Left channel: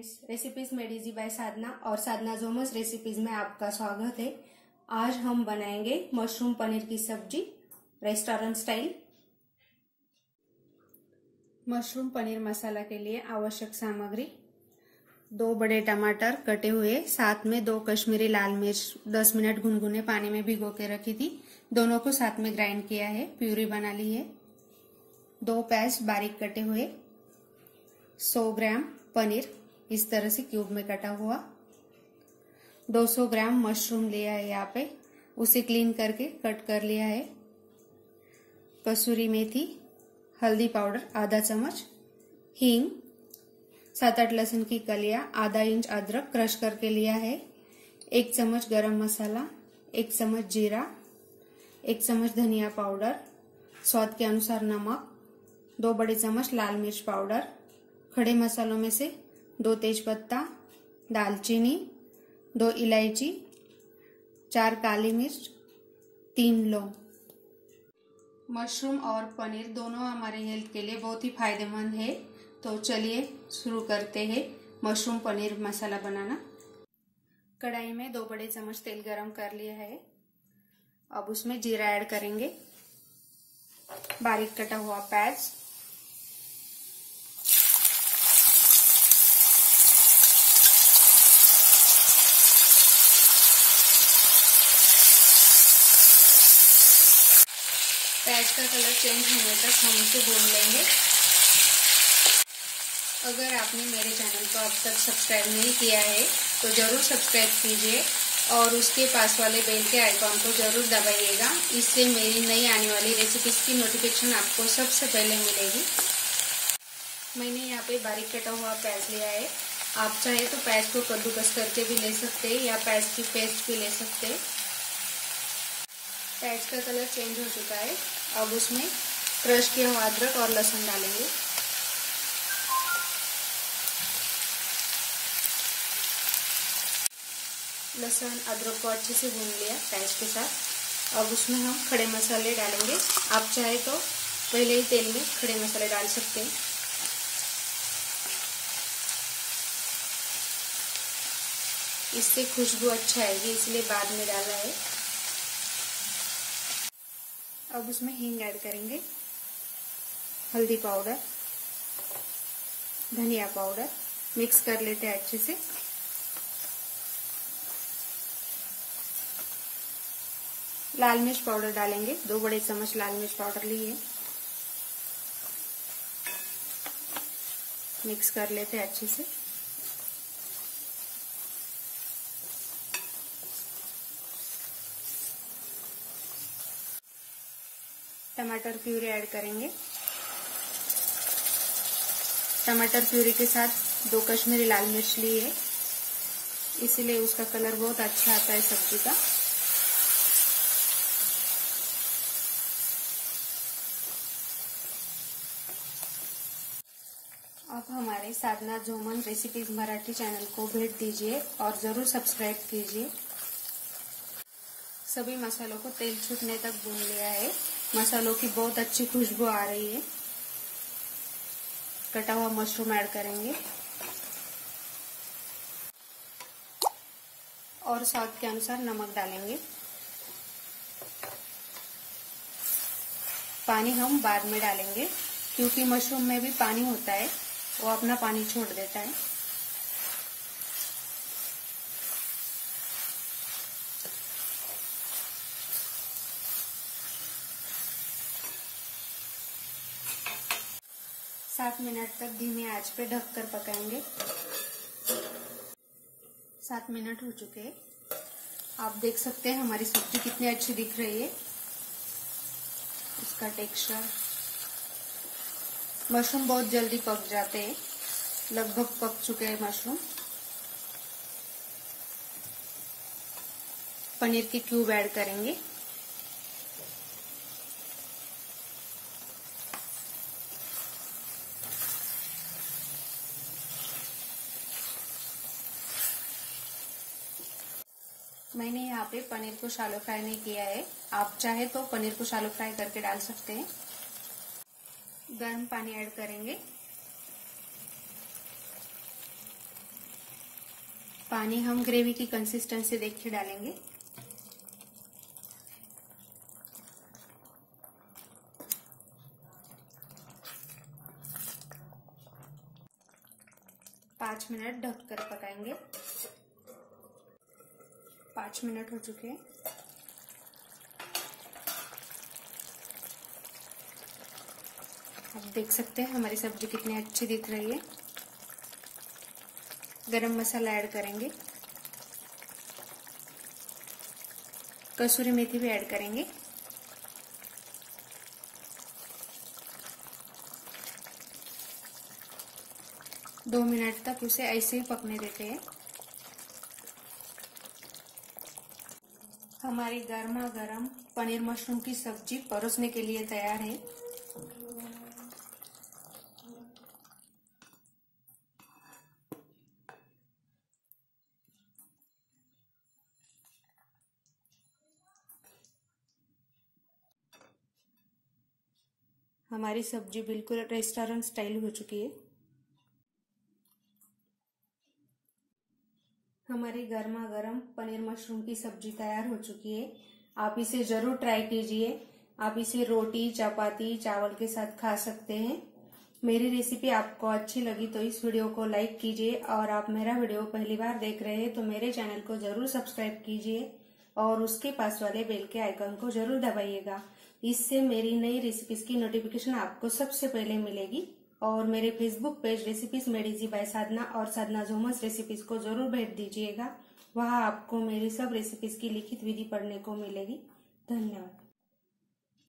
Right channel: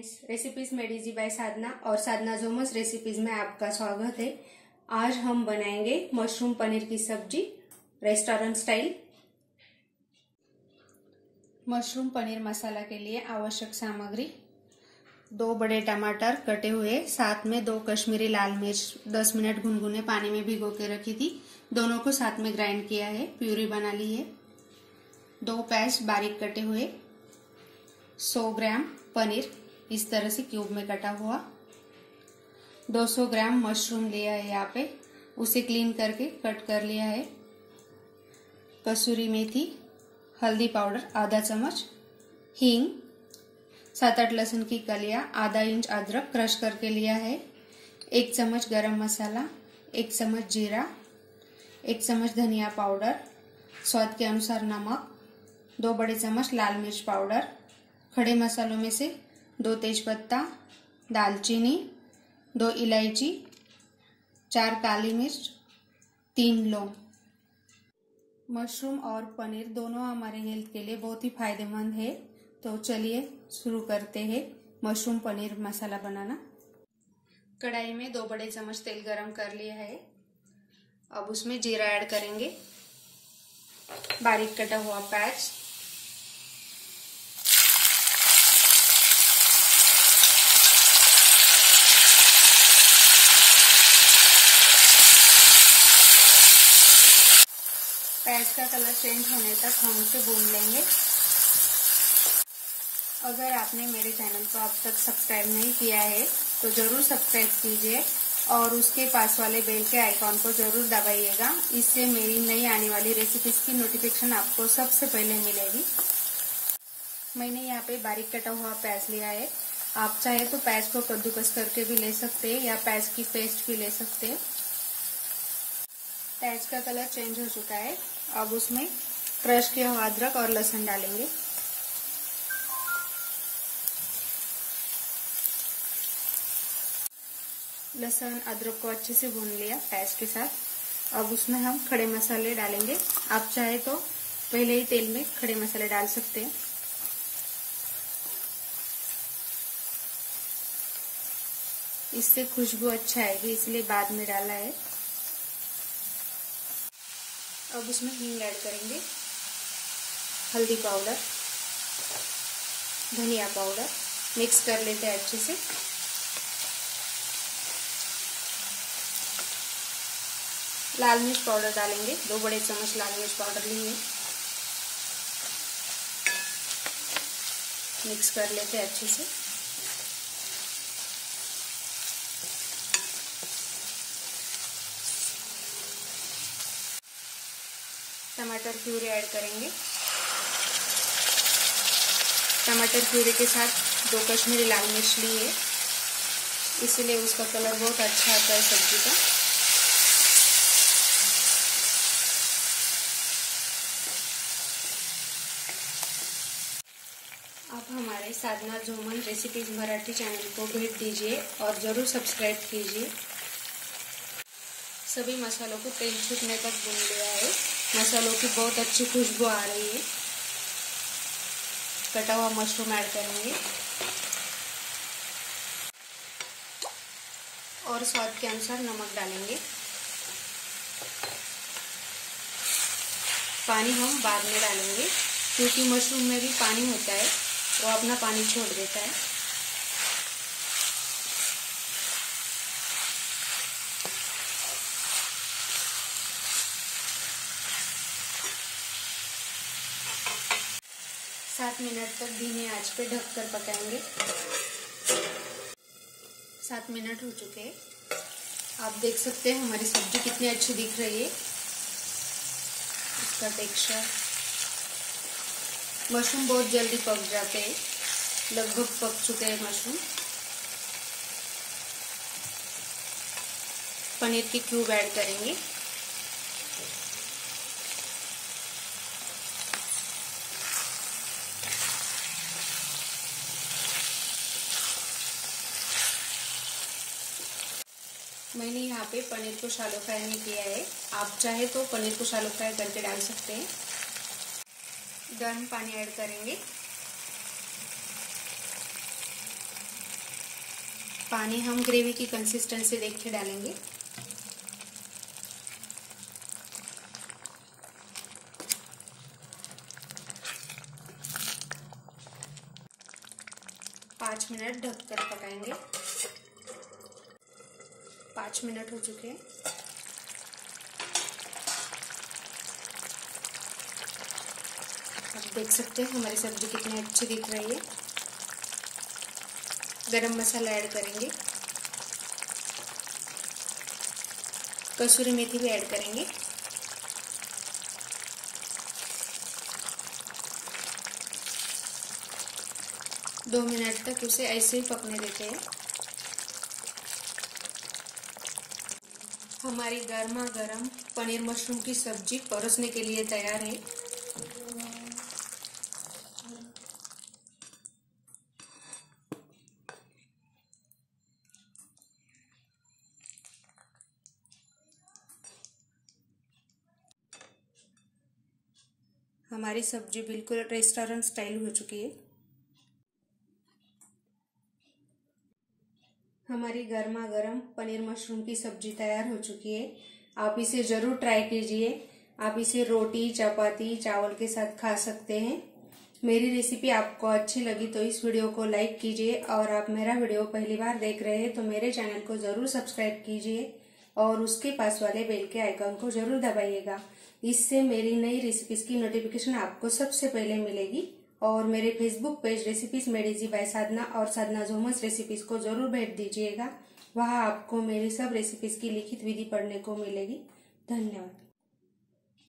Friends, recipes made easy by Sadhana और Sadhana जोमस recipes में आपका स्वागत है। आज हम बनाएंगे मशरूम पनीर की सब्जी restaurant style. Mushroom paneer masala के लिए आवश्यक सामग्री: 2 बड़े टमाटर कटे हुए, साथ में 2 कश्मीरी लाल मिर्च 10 मिनट गुनगुने पानी में भिगो के रखी थी। दोनों को साथ में ग्राइंड किया है, प्यूरी बना ली है। 2 प्याज बारीक कटे हुए, 100 ग्राम पनीर इस तरह से क्यूब में कटा हुआ, 200 ग्राम मशरूम लिया है यहाँ पे, उसे क्लीन करके कट कर लिया है। कसूरी मेथी, हल्दी पाउडर आधा चम्मच, हींग, 7-8 लहसुन की कलियां, आधा इंच अदरक क्रश करके लिया है, 1 चम्मच गरम मसाला, 1 चम्मच जीरा, 1 चम्मच धनिया पाउडर, स्वाद के अनुसार नमक, 2 बड़े चम्मच लाल मिर्च पाउडर। खड़े मसालों में से 2 तेजपत्ता, दालचीनी, 2 इलायची, 4 काली मिर्च, 3 लौंग। मशरूम और पनीर दोनों हमारे हेल्थ के लिए बहुत ही फायदेमंद है। तो चलिए शुरू करते हैं मशरूम पनीर मसाला बनाना। कढ़ाई में 2 बड़े चम्मच तेल गरम कर लिया है। अब उसमें जीरा ऐड करेंगे, बारीक कटा हुआ प्याज, प्याज का कलर चेंज होने तक हम इसे भून लेंगे। अगर आपने मेरे चैनल को अब तक सब्सक्राइब नहीं किया है तो जरूर सब्सक्राइब कीजिए और उसके पास वाले बेल के आइकॉन को जरूर दबाइएगा। इससे मेरी नई आने वाली रेसिपीज की नोटिफिकेशन आपको सबसे पहले मिलेगी। मैंने यहाँ पे बारीक कटा हुआ प्याज लिया है। आप चाहे तो प्याज को कद्दूकस करके भी ले सकते हैं या प्याज की पेस्ट भी ले सकते हैं। प्याज का कलर चेंज हो चुका है। अब उसमें क्रश किया हुआ अदरक और लहसुन डालेंगे। लहसुन अदरक को अच्छे से भून लिया प्याज के साथ। अब उसमें हम खड़े मसाले डालेंगे। आप चाहे तो पहले ही तेल में खड़े मसाले डाल सकते हैं। इससे खुशबू अच्छा आएगी, इसलिए बाद में डाला है। अब उसमें हींग ऐड करेंगे, हल्दी पाउडर, धनिया पाउडर, मिक्स कर लेते हैं अच्छे से। लाल मिर्च पाउडर डालेंगे, 2 बड़े चम्मच लाल मिर्च पाउडर लिए, मिक्स कर लेते हैं अच्छे से। टमाटर प्यूरी ऐड करेंगे। टमाटर प्यूरी के साथ 2 कश्मीरी लाल मिर्च लिए, इसीलिए उसका कलर बहुत अच्छा आता है सब्जी का। आप हमारे साधना जोमन रेसिपीज मराठी चैनल को भेंट दीजिए और ज़रूर सब्सक्राइब कीजिए। सभी मसालों को तेल छूटने तक भून लिया है। मसालों की बहुत अच्छी खुशबू आ रही है। कटा हुआ मशरूम ऐड करेंगे और स्वाद के अनुसार नमक डालेंगे। पानी हम बाद में डालेंगे क्योंकि मशरूम में भी पानी होता है, वो अपना पानी छोड़ देता है। सात मिनट तक धीमी आंच पे ढककर पकाएंगे। 7 मिनट हो चुके हैं। आप देख सकते हैं हमारी सब्जी कितनी अच्छी दिख रही है। इसका टेक्सचर, मशरूम बहुत जल्दी पक जाते हैं, लगभग पक चुके हैं मशरूम। पनीर की क्यूब ऐड करेंगे। मैंने यहाँ पे पनीर को शैलो फ्राई नहीं किया है। आप चाहे तो पनीर को शैलो फ्राई करके डाल सकते हैं। गर्म पानी ऐड करेंगे। पानी हम ग्रेवी की कंसिस्टेंसी देख के डालेंगे। पाँच मिनट ढककर पकाएंगे। 5 मिनट हो चुके हैं। आप देख सकते हैं हमारी सब्जी कितनी अच्छी दिख रही है। गरम मसाला ऐड करेंगे, कसूरी मेथी भी ऐड करेंगे। दो मिनट तक उसे ऐसे ही पकने देते हैं। हमारी गर्मा गर्म पनीर मशरूम की सब्जी परोसने के लिए तैयार है। हमारी सब्जी बिल्कुल रेस्टोरेंट स्टाइल हो चुकी है। हमारी गर्मा गर्म पनीर मशरूम की सब्जी तैयार हो चुकी है। आप इसे जरूर ट्राई कीजिए। आप इसे रोटी, चपाती, चावल के साथ खा सकते हैं। मेरी रेसिपी आपको अच्छी लगी तो इस वीडियो को लाइक कीजिए, और आप मेरा वीडियो पहली बार देख रहे हैं तो मेरे चैनल को जरूर सब्सक्राइब कीजिए और उसके पास वाले बेल के आइकन को जरूर दबाइएगा। इससे मेरी नई रेसिपीज की नोटिफिकेशन आपको सबसे पहले मिलेगी। और मेरे Facebook page recipes made easy by Sadhana और साधना जोमस रेसिपीज को जरूर भेंट दीजिएगा। वहां आपको मेरी सब रेसिपीज की लिखित विधि पढ़ने को मिलेगी। धन्यवाद।